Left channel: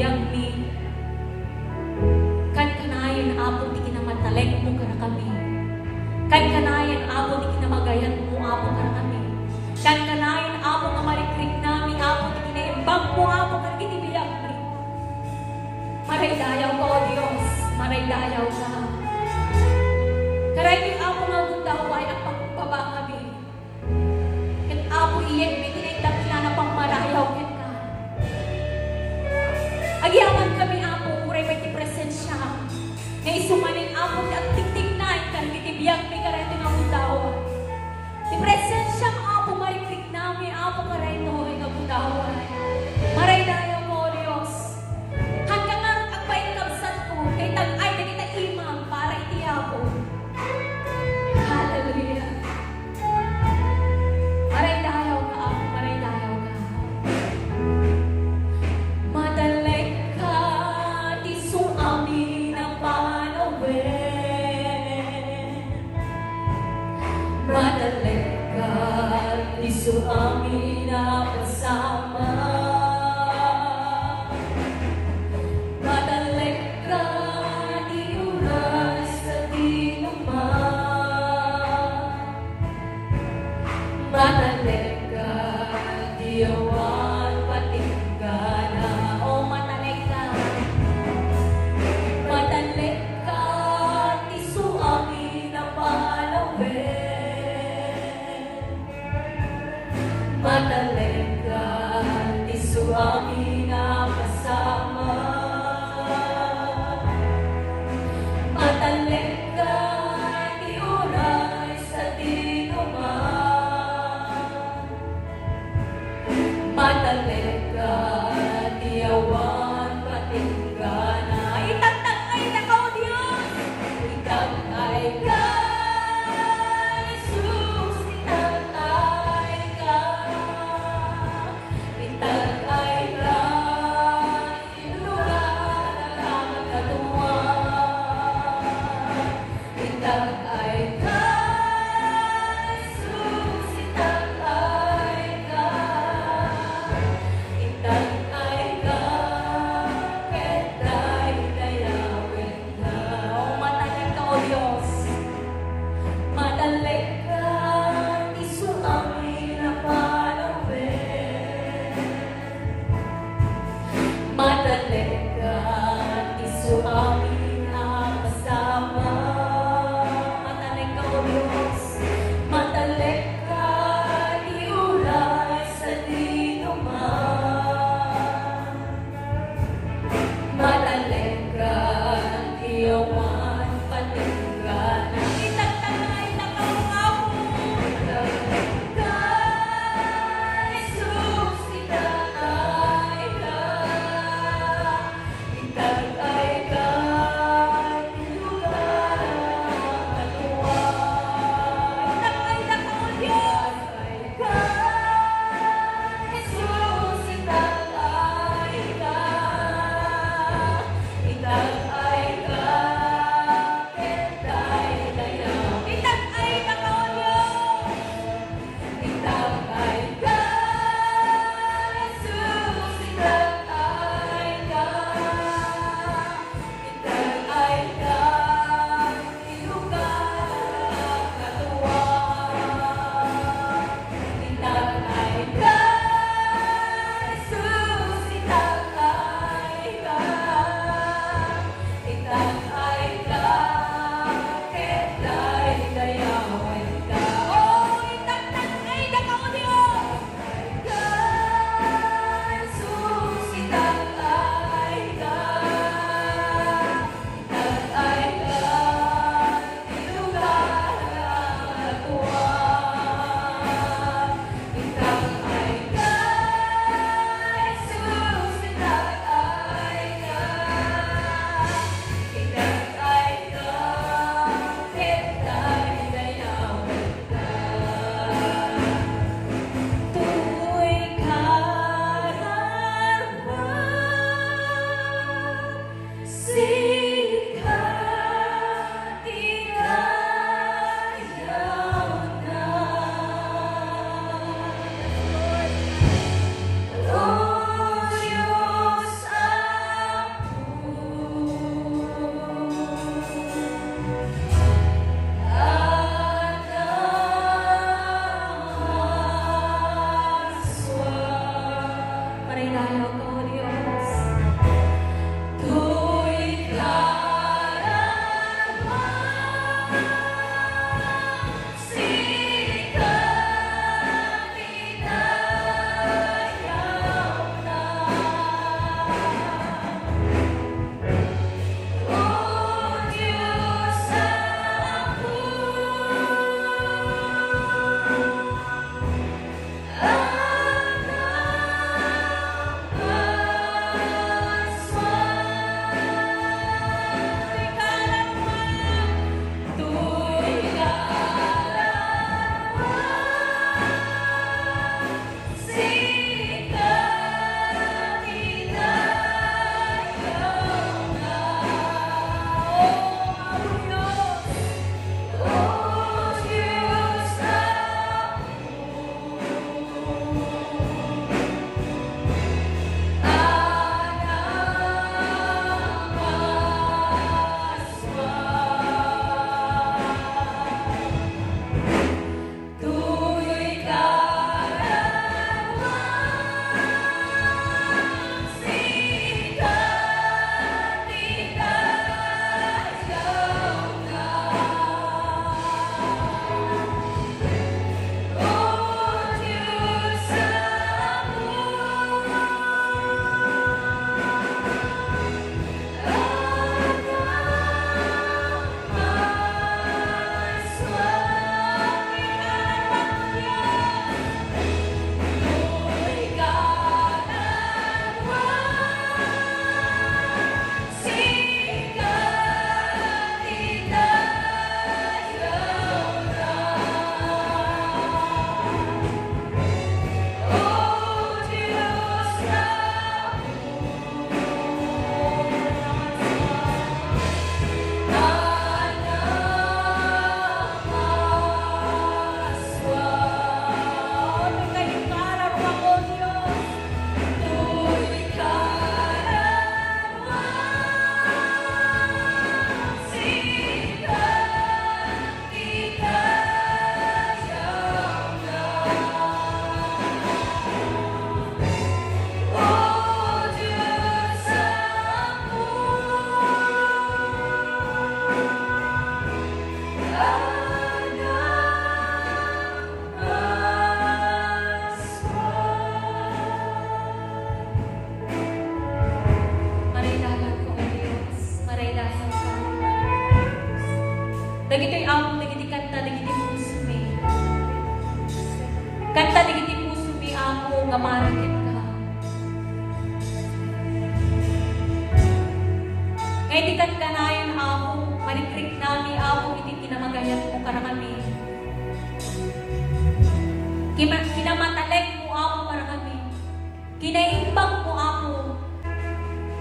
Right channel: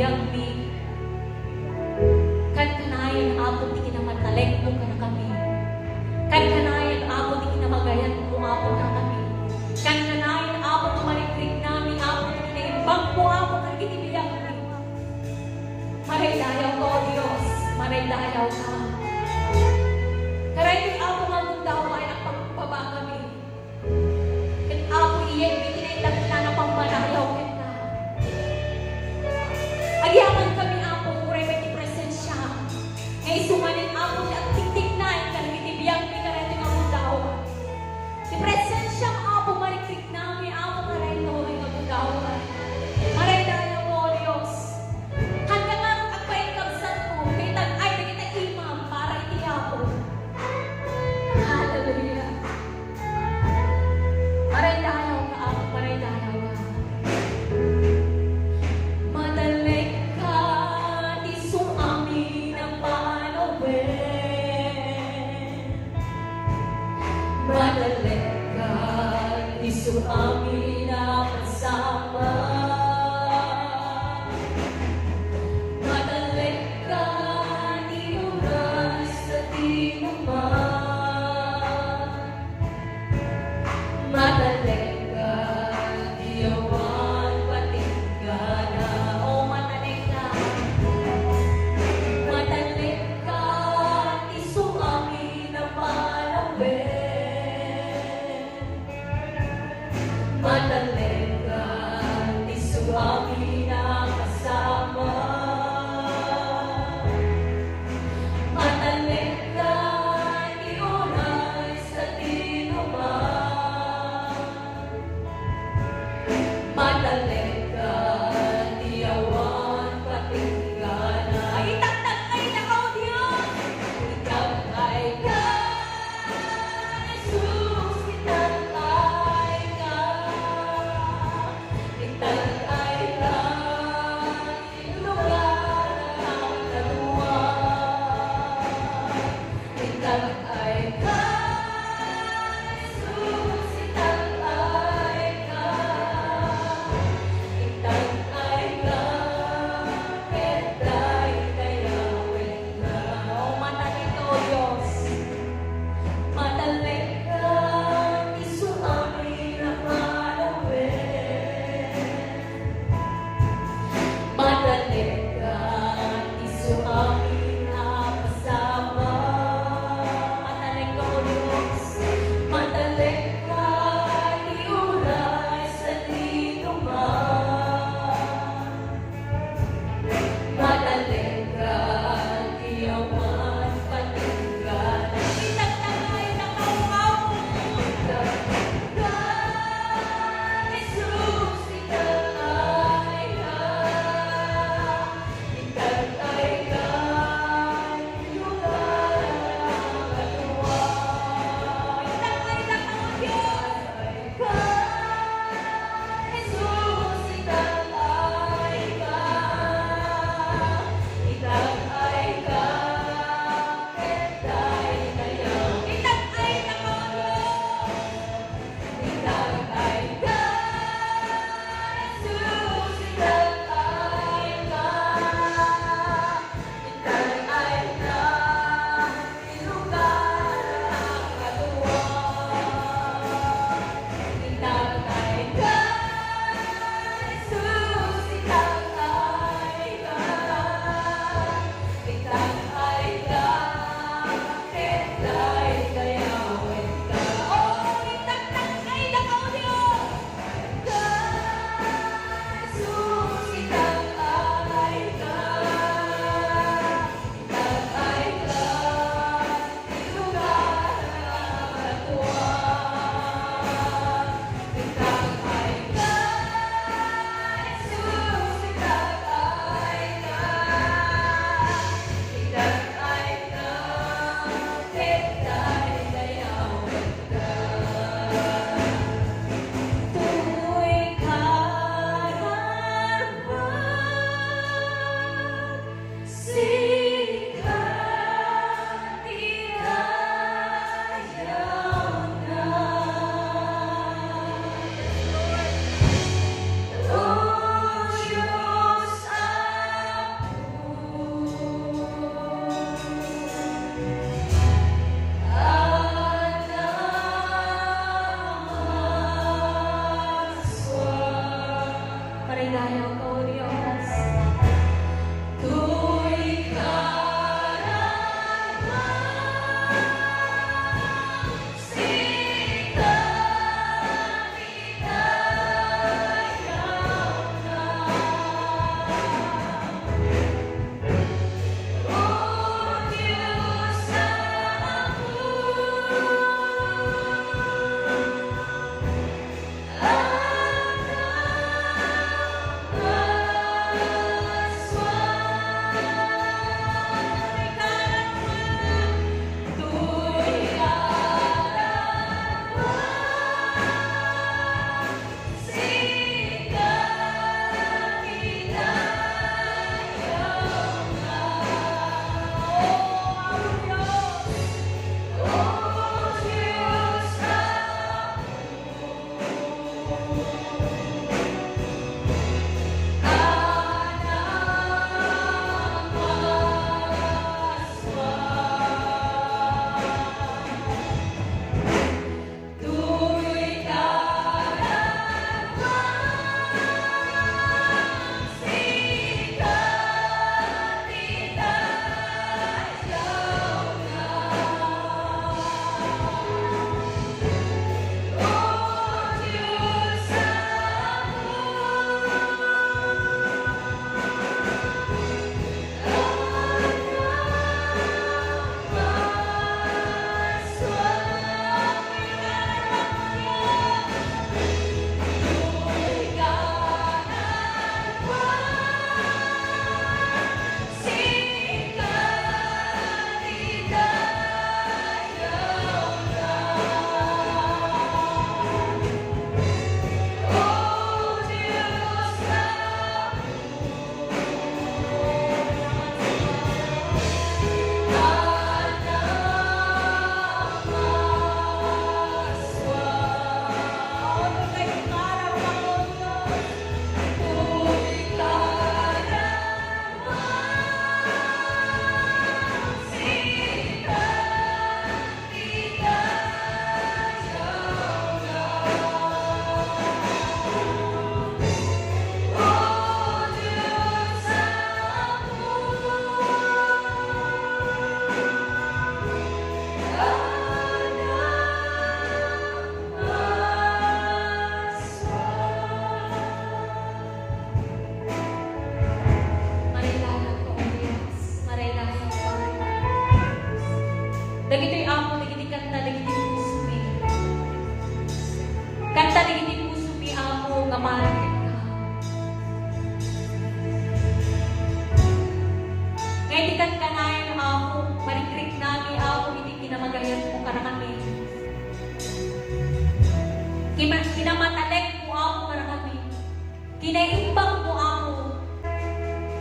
biyag mi. Kan kanayon Apo ti kinamatalek mo kara kami. Kan kanayon Apo ti kinamagayan mo Apo kara kami. Kan kanayon Apo nga marikrik nami Apo ti kinaimbag mo Apo kara kiti biyag mi. Maray dayaw ko, O Diyos, maray dayaw ka. Karay di Apo magundawa ay nagpagpaba kami. Kan Apo iyan mi tinitag na na pangmarayaw ken ka. Agyaman kami Apo, uray may ti presensya. Nga isumanin Apo ti agtiktik na kan kiti biyag mi kara tinaudaw. Ti presensya Apo marikrik nami Apo karay no inagundawa. Maray dayaw ko, O Diyos. Hallelujah. Maray dayaw ka Apo, maray dayaw ka. Madalek ka, iso amin ang panawin. Madalek ka, iso amin ang kasama. Madalek ka, di oras sa dinuman. Madalek ka, di awan patingkana. O madalek ka. Madalek ka, di suami na palawin. Madalek ka, di suami na kasama. Madalek ka, di oras sa dinuman. Madalek ka, di awan patingkana. Itagtagay na ka, O Diyos! Itagtay ka, Jesus, itagtay ka. Itagtay ka, sinulat ang katuwang. Itagtay ka, Jesus, itagtay ka. Itagtay ka, ketay dayawin ka. O madalek ka, O Diyos. Madalek ka, isu amin na palawin. Madalek ka, isu amin na kasama. Madalek ka, O Diyos. Madalek ka, di oras sa dinuman. Madalek ka, di awan patingkana. Itagtagay na ka, O Apo. Madalek ka, Jesus, itagtay ka. Itagtay ka, nilugar ang katuwang. Itagtay na ka, O Diyos. Jesus, itagtay ka. Itagtay ka, ketay dayaw. Itagtay na ka, O Diyos. Itagtay ka, Jesus, itagtay ka. Itagtay ka, nilugar ang katuwang. Itagtay ka, Jesus, itagtay ka. Itagtay ka, ketay dayawin ka. Oh, itagtagay na ka, O Diyos. Jesus, itagtay ka. Itagtay ka, nilugar ang katuwang. Itagtay ka, Jesus, itagtay ka. Itagtay ka, ketay dayawin ka. Tuloy kararwan, sikat inayaw na. O Diyos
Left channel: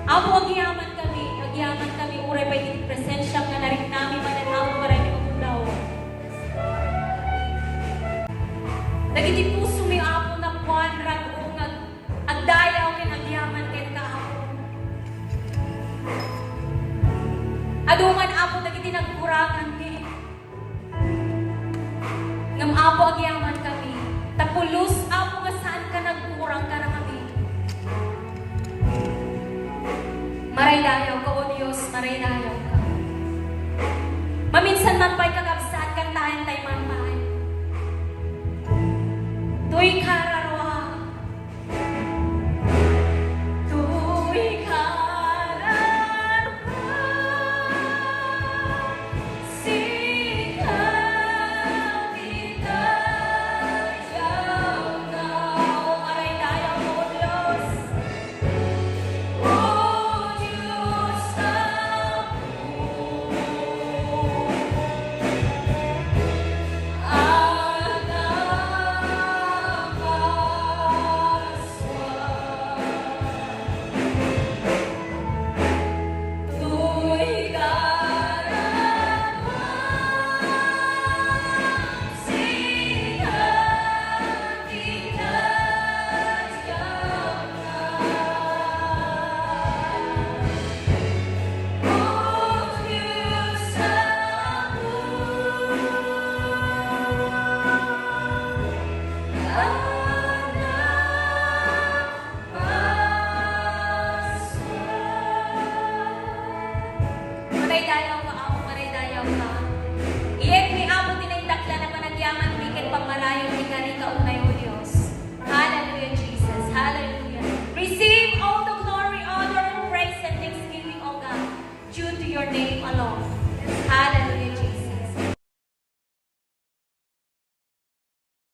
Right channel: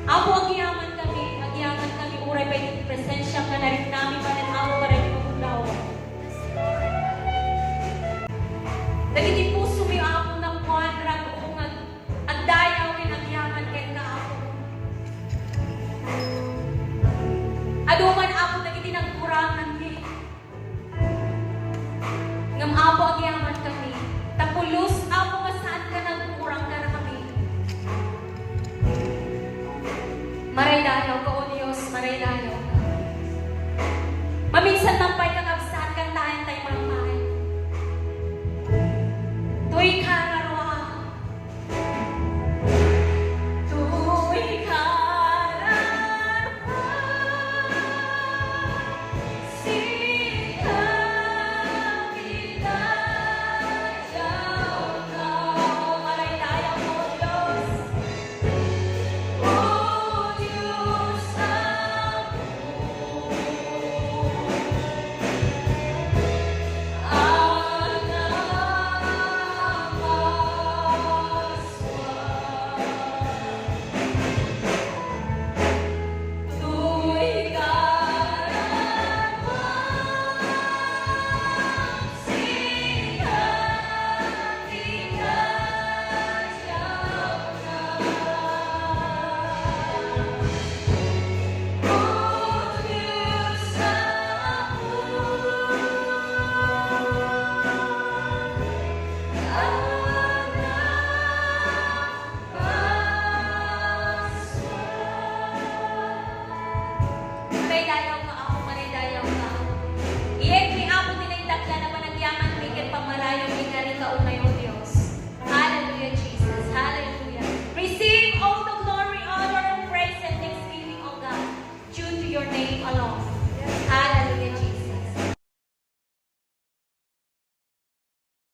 Apo agyaman kami, uray pa yung presensya nga na rin kami, pananaw para yung ulaw. Nagiti puso mo yung apo ng buwan, rago nga, at dayaw rin agyaman kay kao. Aduman apo nagiti nagkurangan ni. Ngam apo agyaman kami, tapulos apo nga saan ka nagkurang ka na kami. Maray dayaw ka, O Diyos, maray dayaw ka. Maminsan nampay ka kapsaan kang tahan tayo mamay. Tuy kararwa, tuy kararwa, sita kita yaw kau ay dayaw mo Diyos. O Diyos Maray dayaw ka ako, maray dayaw ka. Iyan ni ako tinaytakla na panagyaman ni kay pangmarayong ikari ka unay mo Diyos. Hallelujah, Jesus. Hallelujah. Receive all the glory, honor, praise, and thanksgiving, O God, due to your name alone.